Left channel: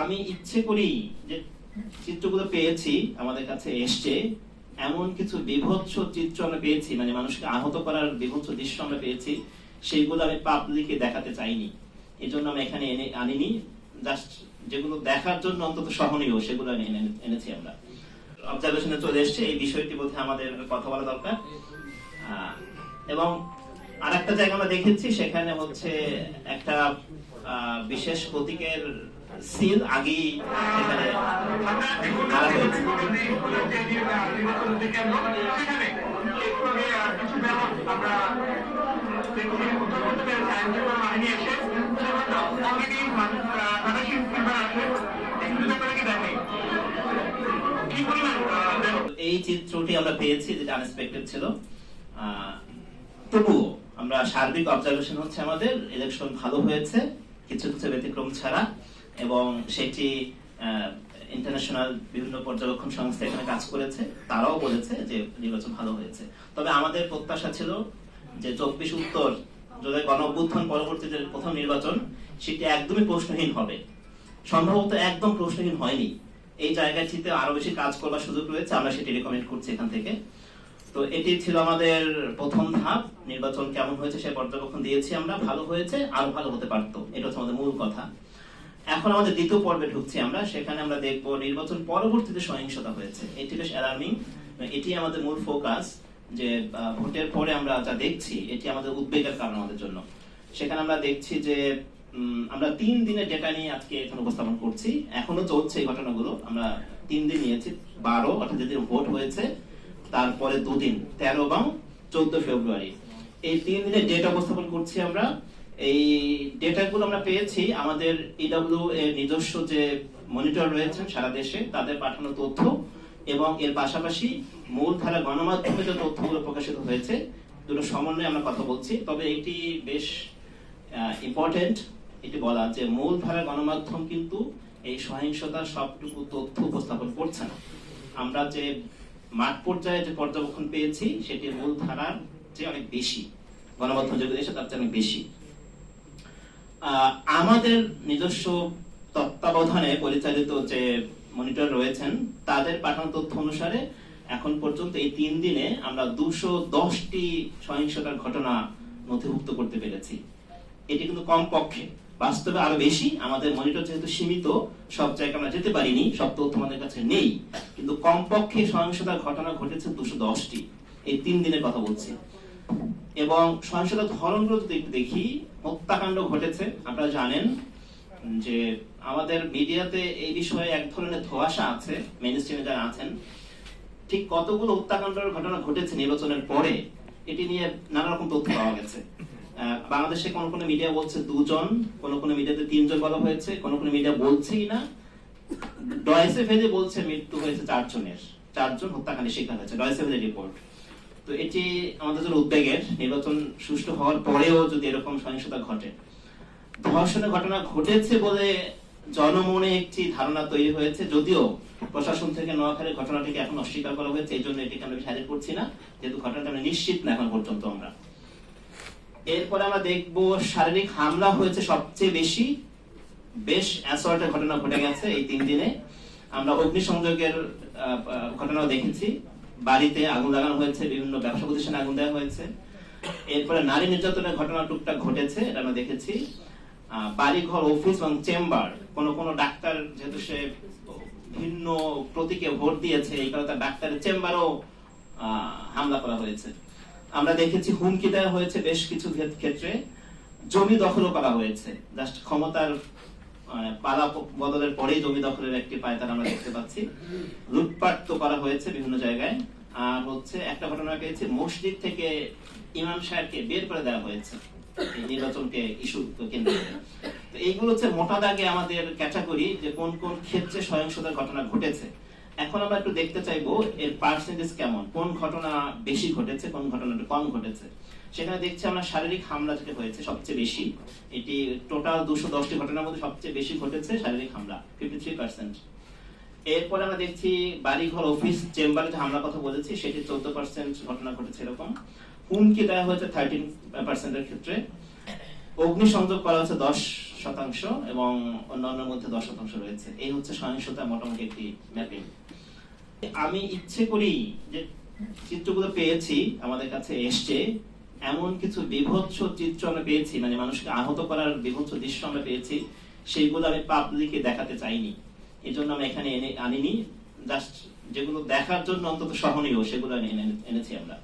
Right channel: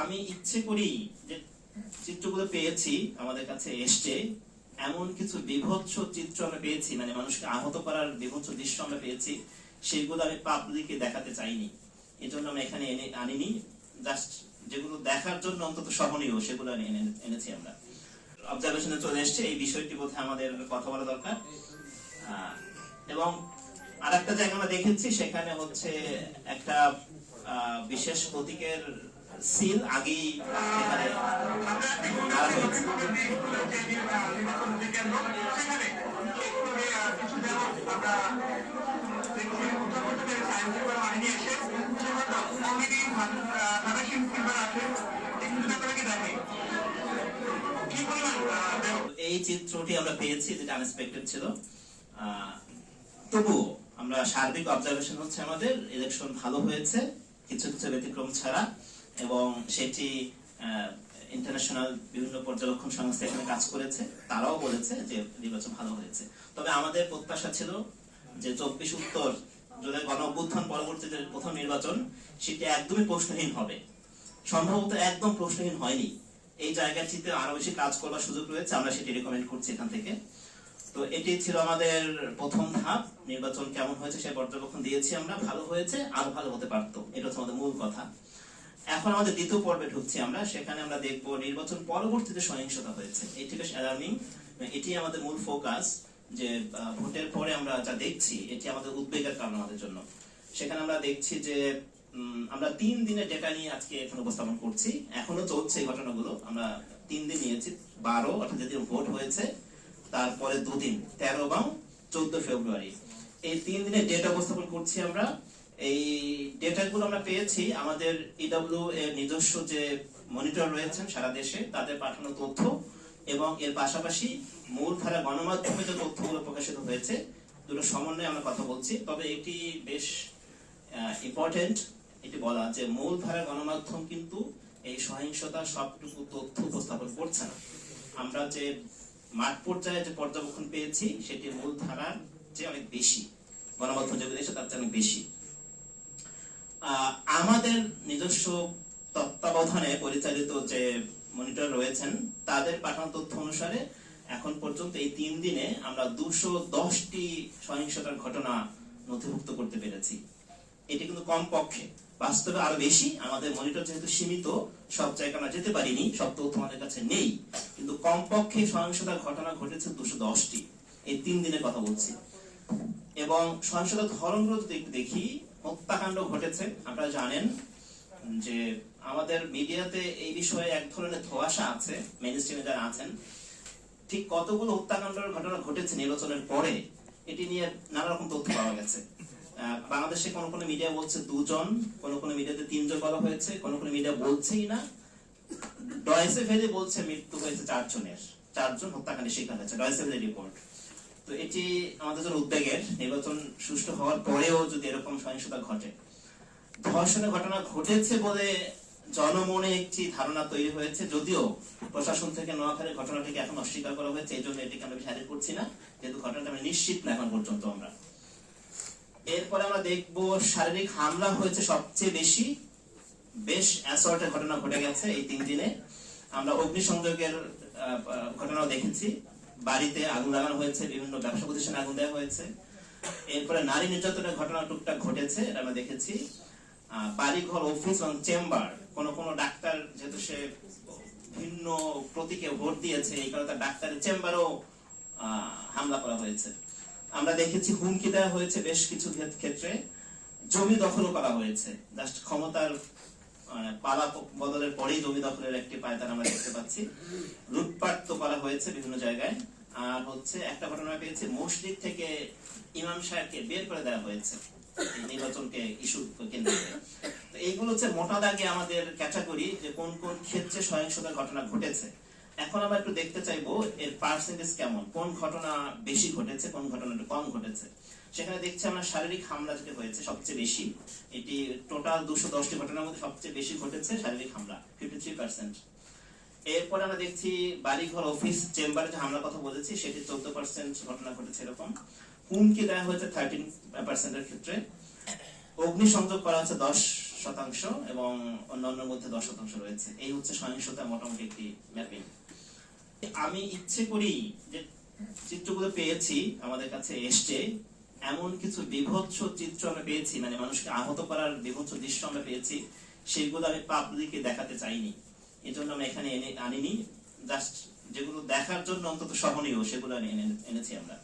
আমি ইচ্ছে করি যে চিত্রগুলো পেয়েছি আমাদের কাছে এসছে, এমন কিছু বিভৎস চিত্র আমরা পেয়েছি, মানে মানুষকে আহত করার বিভৎস দৃশ্য আমরা পেয়েছি, সেইগুলো আমি পাবলিকে দেখাতে চাইনি। এই জন্য আমি এখানে আনিনি। জাস্ট যেগুলো দেখার জন্য অন্তত সহনীয় সেগুলো এনেছি আমরা। অবজারভেশনে চলে এসছে, এই বিষয়টি বোধ আমাদের কথা বলা দরকার। এবং আরেকটা জায়গা আমরা দেখেছি, সেখানে হচ্ছে একটা বিশেষ প্রতীকের সিল আগেই সেখানে মারা হয়েছে। এই চিত্রটি আমরা পেয়েছি, যেটা আনএক্সপেক্টেড ছিল। তবুও আমরা সার্বিক অবজারভেশন হচ্ছে আমাদের ইলেকশন ভালো হয়েছে, কিছু কিছু ব্যতিক্রম ছাড়া, এবং সেটি ইন্টারন্যাশনাল বিভিন্ন পর্যবেক্ষণ সংস্থা এখানে কাজ করেছে, তারাও বলেছে যে নির্বাচন ভালো হয়েছে। তবে আমাদের প্রত্যাশা ছিল যে 24 উত্তর জুলাই গণঅভ্যুত্থান পরবর্তীতে প্রথম নির্বাচন, সেটি একদমই প্রশ্নহীন হবে। সম্ভবত একদম প্রশ্নহীন হয়নি। এই জায়গাটিতে আরো বেশি কাজ করবার সুযোগ রয়েছে, আমরা সেটি রেকমেন্ড করছি এখান থেকে। তো এটি ছিল আমাদের প্রথম ধাপ। নির্বাচন কেমন হয়েছে সে পর্যবেক্ষণ দিয়েছি আমরা, ভালো হয়েছে, আরো ভালো হতে পারতো, এটা হচ্ছে আমাদের মূল কথা। এখন আমাদের দ্বিতীয় পর্বে ঢুকছি আমরা, সেখানে আমরা দেখবো নির্বাচন পরবর্তীতে সহিংসতা হয়েছে। এটি বেশ অ্যালার্মিং, এটি আমাদের মূল ফোকাস, যে ভোটের পরে আমরা যা দেখছি এটি আমাদের উদ্বেগের কারণ আমাদের জন্য। সেখানে আমরা দেখছি যে আমরা 3 দিনের ডেটা নিয়ে আজকে এখন উপস্থাপন করছি, এখনো চলছে এই ঘটনাগুলো। আমরা 3 দিন নিয়েছি, 12 অর্থাৎ যেদিন ভোট হয়েছে তারপরে 2 দিন, 13 এবং 14 ফেব্রুয়ারি, এই 3 দিনের ডেটা উপস্থাপন করছি আমরা। এই ডেটাগুলো আমরা পেয়েছি আমাদের ইডব্লিউ এর নিজস্ব যে মনিটর রয়েছেন সারা দেশে, তাদের পাঠানো তথ্য, এবং এর পাশাপাশি মূলধারা গণমাধ্যমে যে তথ্যগুলো প্রকাশিত হয়েছে, দুটো সমন্বয়ে আমরা কথা বলছি। তবে এটি বেশ ইম্পর্টেন্ট এটি বলা যে মূলধারা গণমাধ্যম কিন্তু এই সহিংসতার সবটুকু তথ্য উপস্থাপন করছে না। আমরা যে মাঠ পর্যায়ে যে পর্যবেক্ষণ পেয়েছি সেটি মূলধারার চেয়ে অনেক বেশি, গণমাধ্যম যেগুলো এসে তার চেয়ে অনেক বেশি। আমাদের নিজস্ব তত্ত্বাবধানে পরিচালিত যে মনিটর রয়েছেন, তাদের পাঠানো তথ্য অনুসারে এখন পর্যন্ত এই 3 দিনে আমরা 210টি সহিংসতার ঘটনা নথিভুক্ত করতে পেরেছি। এটি কিন্তু কম পক্ষে, বাস্তবে আরো বেশি। আমাদের মনিটর যেহেতু সীমিত, সব জায়গায় আমরা যেতে পারিনি, সব তথ্য আমাদের কাছে নেই, কিন্তু কমপক্ষে সহিংসতার ঘটনা ঘটেছে 210টি, এই 3 দিনের কথা বলছি। এবং সহিংসতার ধরনগুলো যদি একটু দেখি, হত্যাকাণ্ড ঘটেছে। আপনারা জানেন যে আমাদের মিডিয়াতে এই বিষয়ে এক ধরনের ধোঁয়াশা আছে, মেইনস্ট্রিমে যারা আছেন। ঠিক কতগুলো হত্যাকাণ্ডের ঘটনা ঘটেছে নির্বাচনের পরে, এটি নিয়ে নানা রকম তথ্য পাওয়া গেছে। বাংলাদেশে কোন কোন মিডিয়া বলছে 2 জন, কোন কোন মিডিয়াতে 3 জন বলা হয়েছে, কোন কোন মিডিয়া বলছেই না। ডয়েসে ভেলে বলছে মৃত্যু হয়েছে 4 জনের, 4 জন হত্যাকাণ্ডের শিকার হয়েছে, ডয়েসে ভেলে রিপোর্ট। তো এটি আমাদের জন্য উদ্বেগের। নির্বাচন সুষ্ঠু হওয়ার পরেও যদি এরকম সহিংসতা ঘটে, ধর্ষণের ঘটনা ঘটেছে বলে জনমনে একটি ধারণা তৈরি হয়েছে, যদিও প্রশাসন থেকে নোয়াখালীর ঘটনাটিকে এখন অস্বীকার করা হয়েছে, এই জন্য এটিকে আমরা হাজির করছি না, যেহেতু ঘটনাটা আমরা নিশ্চিত না এখন পর্যন্ত আমরা। এরপরে আমরা দেখবো শারীরিক হামলা হয়েছে সবচেয়ে বেশি, বেশ অ্যাসল্টের ঘটনা ঘটে গেছে এই 3 দিনে। আমরা অগ্নিসংযোগের ঘটনাও দেখেছি, বাড়িতে আগুন লাগানো হয়েছে, বিভিন্ন ব্যবসা প্রতিষ্ঠানে আগুন দেওয়া হয়েছে। এরপরে নারী নির্যাতনের ঘটনা টুকটাক ঘটেছে, এটা আমরা দেখেছি। বাড়িঘর, অফিস এবং চেম্বার, কোন কোন ডাক্তার যেহেতু সে ভিন্ন প্রতীকে ভোট দিয়েছে, এই কারণে তার ডাক্তারের চেম্বারও হামলা করা হয়েছে। আমরা দেখেছি হুমকি দেওয়া হয়েছে বেশ কিছু ক্ষেত্রে, জমি দখলও করা হয়েছে। জাস্ট ক্ষমতার পালা বদলের পরেই জমি দখলের একটি পায়তারা আমরা দেখতে পাচ্ছি। লুটপাট তো করা হয়েছে বিভিন্ন জায়গায়। আর হচ্ছে একটা ঘটনা পেয়েছে, মসজিদ থেকে ইমাম সাহেবকে বের করে দেওয়া হয়েছে এই নির্বাচনকে ইস্যু কেন্দ্র করে। তো এইগুলো হচ্ছে মোটা দাগে আমাদের ক্যাটাগরি, যে কোন কোন ক্ষেত্রে সহিংসতার ঘটনা ঘটেছে। এখন আমরা একটু দেখতে চাইবো এর পার্সেন্টেজ কেমন, কোন ঘটনা বেশি ঘটেছে, কোন ঘটনাটা কম ঘটেছে। সেখানে দেখছি আমরা শারীরিক হামলা যেটা হয়েছে সবচেয়ে বেশি, এটি টোটাল 210টি ঘটনার মধ্যে সবচেয়ে বেশি ঘটেছে শারীরিক হামলা, 53%। এরপরে আমরা দেখছি বাড়িঘর, অফিস, চেম্বারে যে হামলার কথা বলেছি সেটি 14% ঘটনা ঘটেছে এরকম। হুমকি দেওয়া হয়েছে 13% এর ক্ষেত্রে। অগ্নিসংযোগ করা হয়েছে শতাংশ এবং অন্যান্যর মধ্যে 10% রয়েছে। এই হচ্ছে সহিংসতা মোটামুটি একটি ম্যাপিং। আমি ইচ্ছে করি যে চিত্রগুলো পেয়েছি আমাদের কাছে এসছে, এমন কিছু বিভৎস চিত্র আমরা পেয়েছি, মানে মানুষকে আহত করার বিভৎস দৃশ্য আমরা পেয়েছি, সেইগুলো আমি পাবলিকে দেখাতে চাইনি, এই জন্য আমরা এখানে আনিনি। জাস্ট যেগুলো দেখার জন্য অন্তত সহনীয় সেগুলো এনেছি আমরা।